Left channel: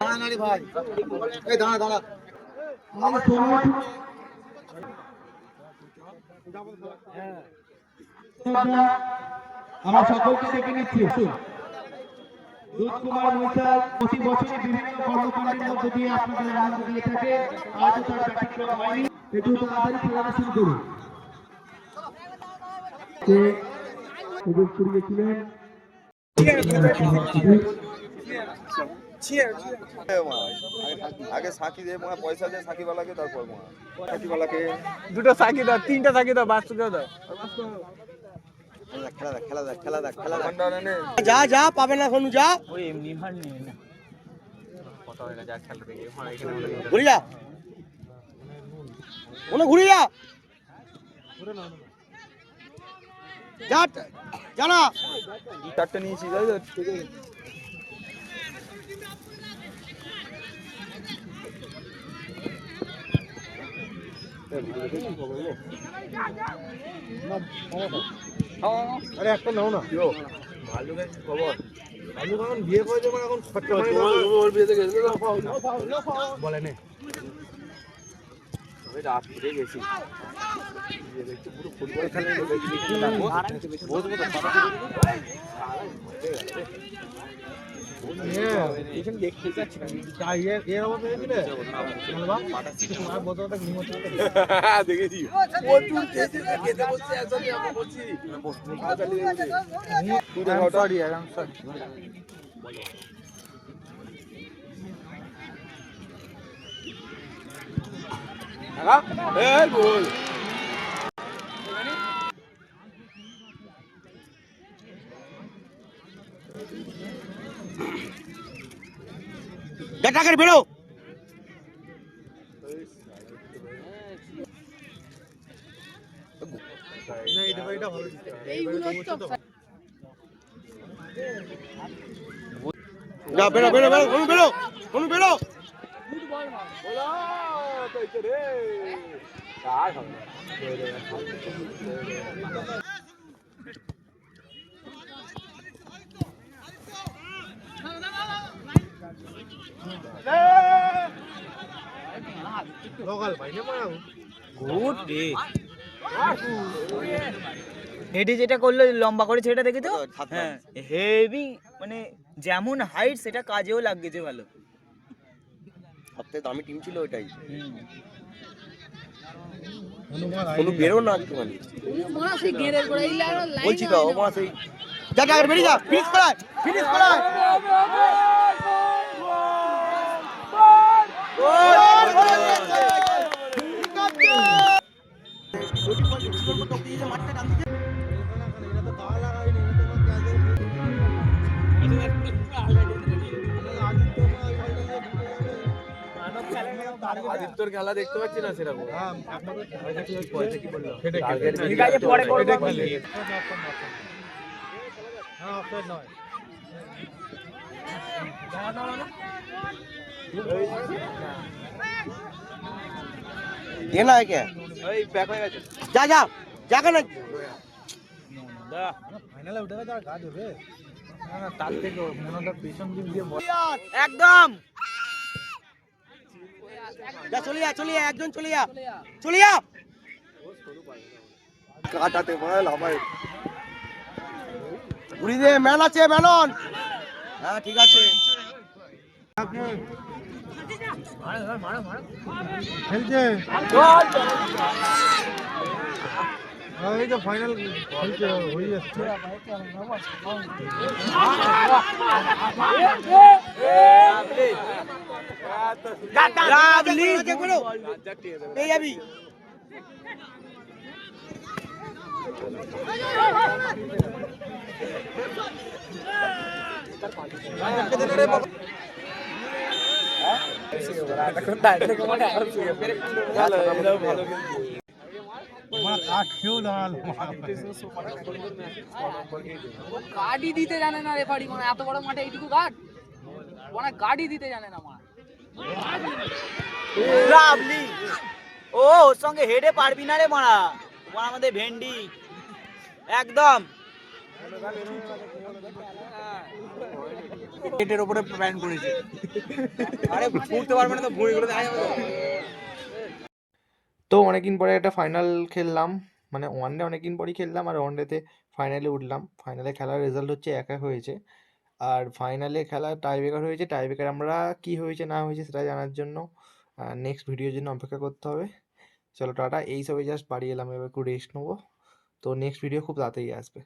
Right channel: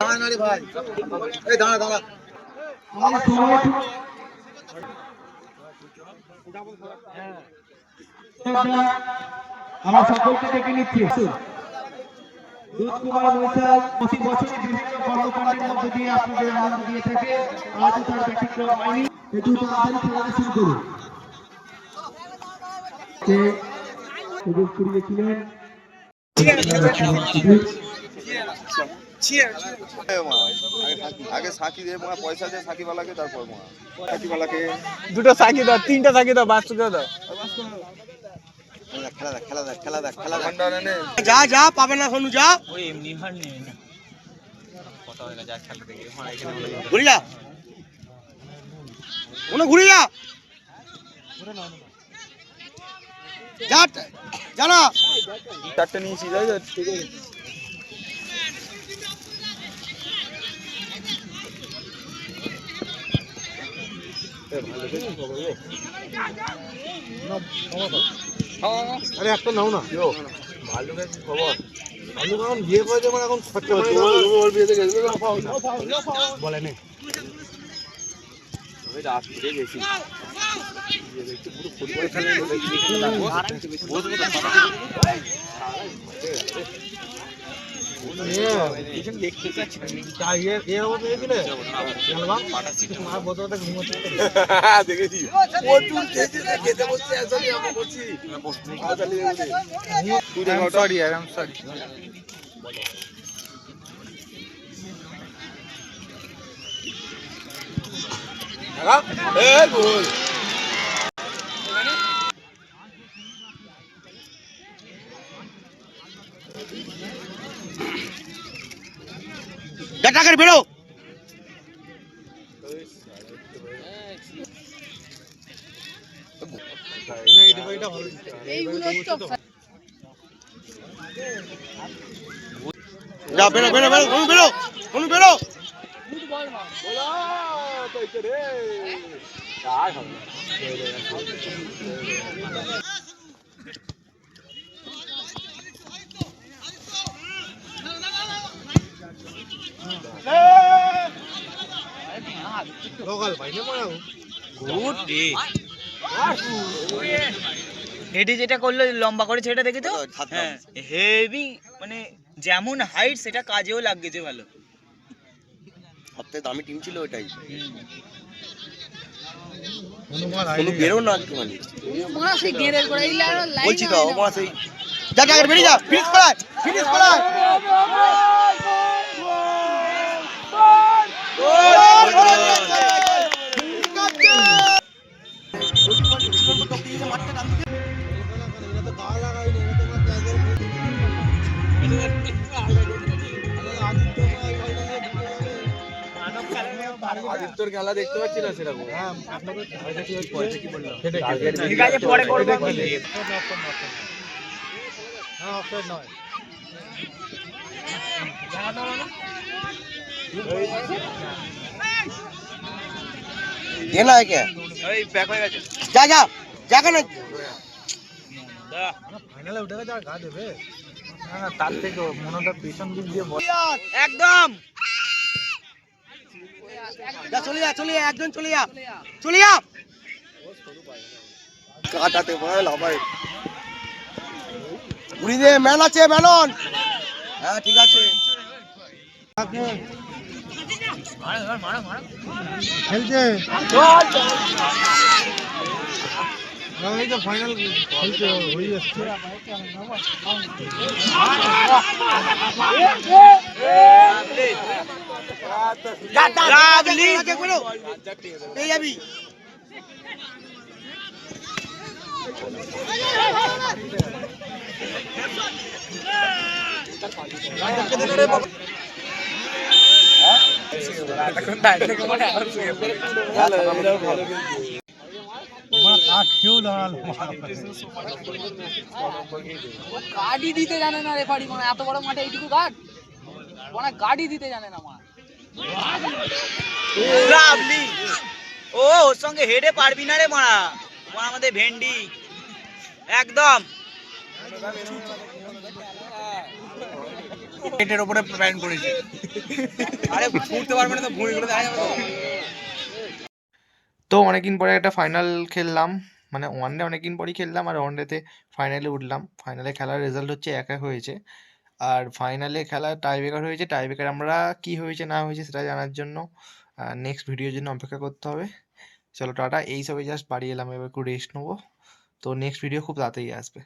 ভাই এই দাঁড়া দাঁড়া আমার সকলকে ডেকে নিচ্ছি। দুধকুমার মৈতাল প্রতি বছরই বিভিন্ন কর্মকাণ্ডের মধ্য দিয়ে আপনাদের আনন্দ দিয়ে থাকে, আজও তার ব্যতিক্রম হয়নি। একটু তাড়াতাড়ি খেলাটা শুরু করুন। করিয়েছিলেন আগে সাকি দিয়ে পয়সা দিয়ে সাকিবালাকে, তারপর সাকিবালাকে দুটো সাকি দাও, তিনটা সাকি দাও, বাস দাও দাও। যা যা পাবে না কোনো যা ওই এমনি হার নেবে না, কথা হয়ে যা খেলা দেখে ঘুরে যা, কোনো ঘুরে যা যা জানা চারটে নিয়েছি যাই তো ঠিক আছে। আরে একটা নাও না ভালো খবর, ভালো যখন বিয়ে করেছে মানে এখন খরচা বলে নে গেছি দেখতে চাচ্ছি টাকা বেরো যা বেরো বেরো বেরো কোনো বেরো কোনো বেরো হেডে যেটা করলো লম্বা করে সেটা দেখে তো হেভি, মানে যেমন হাইট সেটা কাজেও লাগছে ভালো। সবথেকে দামি টিম ছিল ওইটাই। কোনো বেরো না একটুখানি বলছি তো আমার সেই যা যা বেরিয়ে যা, ফিনিশ করায় ফিনিশ করায় আদিত্যর খেলা দেখতে পাচ্ছি না সেরকম। ঠিক আছে পরে করবো। ये ना है क्या जा जा जाकर ना ফাইনালে উঠে গেছে আর গা দেবে না, তার থেকে মনটা পেছন দিক দিয়ে একদম যা চলে যা একজন চলে যা কাটাতে বল হবে ঘুরি দে, ম্যান আছে ম্যানন, হ্যাঁ ঠিক আছে খেলছে এই যে ফাইনাল খেলছে হয়ে যাচ্ছে। যাবি গাড়ি দিতে জানে না রেফারি, মানে এত বড় মাঠে এইটুকু গার্ড মানে গাড়ি দিতে জানে না মা। লাভলি, ও ওর সঙ্গে হেডে পারবি না রে মারা, ও আমাদের ভেন্ডি একদম। পেটের উপরে প্যান্ট করেছে। আরে ফুটতে পারবে না তো ভুঁড়ি করে দেখা যাবে তো। তো অনেকদিন পরে একটা ফাইনাল খেললাম, মানে ওয়ানডে অনেকদিন পরই খেললাম, আর ওয়ানডেতে ফাইনালে উঠলাম। ফাইনালে খেলার রেজাল্ট হচ্ছে 1-1 হয়েছে, আর ফাইনালে খেলা টাইব্রেকার হয়েছে। টাইব্রেকার আমরা কি হয়েছে না হয়েছে সেটা জানার জন্য নেক্সট ভিডিওর জন্য অপেক্ষা করতে হবে। চলো টাটা, এই সবে জাস্ট বাড়ি এলাম, এবার একটু রেস্ট নেবো। তো নেক্সট ভিডিও খুব তাড়াতাড়ি আসবে।